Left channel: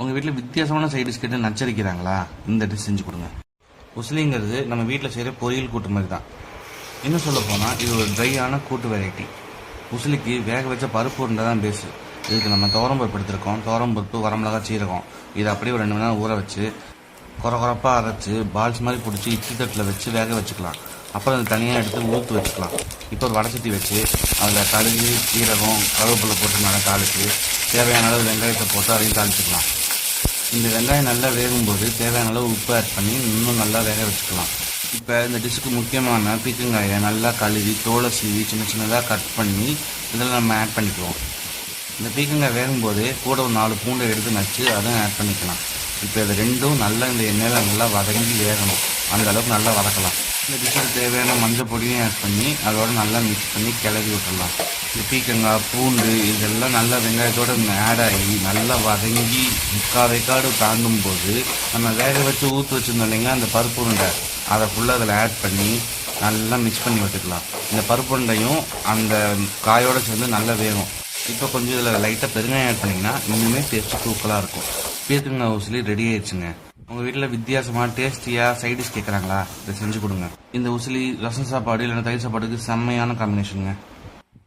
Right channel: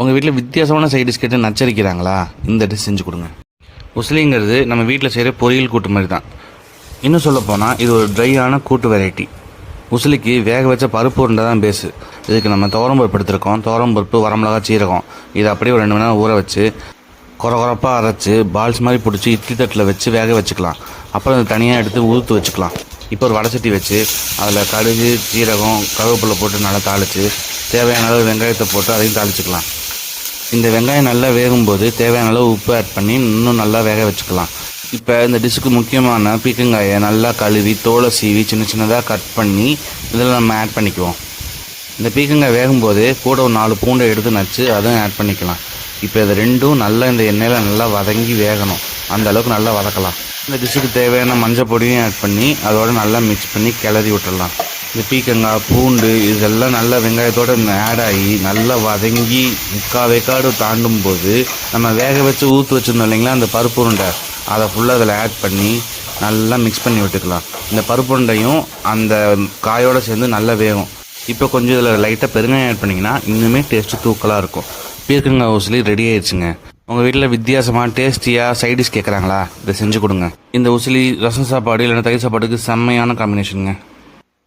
உங்கள் வீட்டில் வித்தியாசமான சைட் டிஷ் கேட்டு நச்சரிக்கிறாங்களா? இந்த டிஷ் செஞ்சு கொடுங்க. உசிலிங்கிறது நம்ம வீட்டில் செய்கிற பொரியல் கூட்டு மாதிரி தான். இன்னும் சொல்லப்போனால் இது ஒரு ட்ரையான கூட்டு வெரைட்டி உசிலிக்கு வேக வச்ச பருப்பு உருண்டை தான் பேஸு இதுக்கு நம்ம துவரம் பருப்பு எடுத்திருக்கோம். துவரம் பருப்பு வரமிளகா சீரகம். இதை அப்படியே ஒரு ரெண்டு மணி நேரம் ஊற வச்சு குறை குறப்பாக அரைச்சி பால்ஸ் மாதிரி பிடிச்சி இட்லி தட்டில் வச்சு வேக வச்சுக்கலாம். அப்புறம் அதை தனியாக எடுத்து ஊற்று வச்சுக்கலாம். இப்போ ஒரு வடசட்டி வச்சு அதில் கடுகு சீரகம் கருவேப்பிலை போட்டு நல்லா தாளித்து தேவையான அளவு வெங்காயத்தை போட்டு அதையும் தாளிச்சுக்கலாம். இந்த வெங்காயம் நல்லா வேகும்போது தேவையான அளவு உப்பு ஆட் பண்ணி இன்னும் நல்லா வேக வச்சுக்கலாம். இப்போ இந்த டிஷ்ஷுக்கு முக்கியமான பீக்கங்காயை நல்லா கழுவி தோலை சீவி சின்ன சின்னதாக கட் பண்ணி இதில் நம்ம ஆட் பண்ணிக்குவோம். இந்த பீக்கங்காய் வேகும்போது கூட ஒரு நாலு பூண்டை எடுத்து நச்சு அதுவும் ஆட் பண்ணிக்கலாம். இப்போ இது ரெண்டும் நல்லா இந்த எண்ணெயில் நல்லா வதங்கி வேகணும். அந்த அளவுக்கு நல்லா வதக்கலாம். இந்த டிஷ்ஷுக்கு தேவையான மஞ்சள் பொடியும் ஆட் பண்ணி அதோட நல்லா மிக்ஸ் பண்ணி கிளறி விட்டுடலாம். இந்த பீக்கங்காய் பூண்டு இதெல்லாம் நல்லா இந்த ஆட் ஆகி நல்லா வதங்கி முக்கால் வேக்காடு தாண்டும் போது நம்ம வேக வச்சு ஊற்று வச்சுருந்தோம் இல்லைங்களா அந்த பருப்பு உருண்டை. அதை ஃபுல்லாக அதில் ஆட் பண்ணி நல்லா மிக்ஸ் பண்ணி விட்டுக்கலாம். இந்த பருப்பு உருண்டையும் அந்த காயோடு சேர்ந்து நல்லா வேகும். இப்போ கொஞ்சம் இதில் லைட்டாக பெருங்காயம் ஆட் பண்ணிங்கன்னா இன்னுமே டேஸ்ட்டு தூக்கலாக இருக்கும். பீர்க்கங்காய் உசிலி ரெடி ஆயிடுச்சுங்க. உங்கள் வீட்டில் வித்தியாசமாக டேஸ்டியாக சைடிஷ் கேட்குறாங்களா இதை செஞ்சு கொடுங்க. இந்த உசிலி ரசம் சாப்பாடு இல்லைன்னா தயிர் சாப்பாடுக்கு செம்மையான காம்பினேஷனுங்க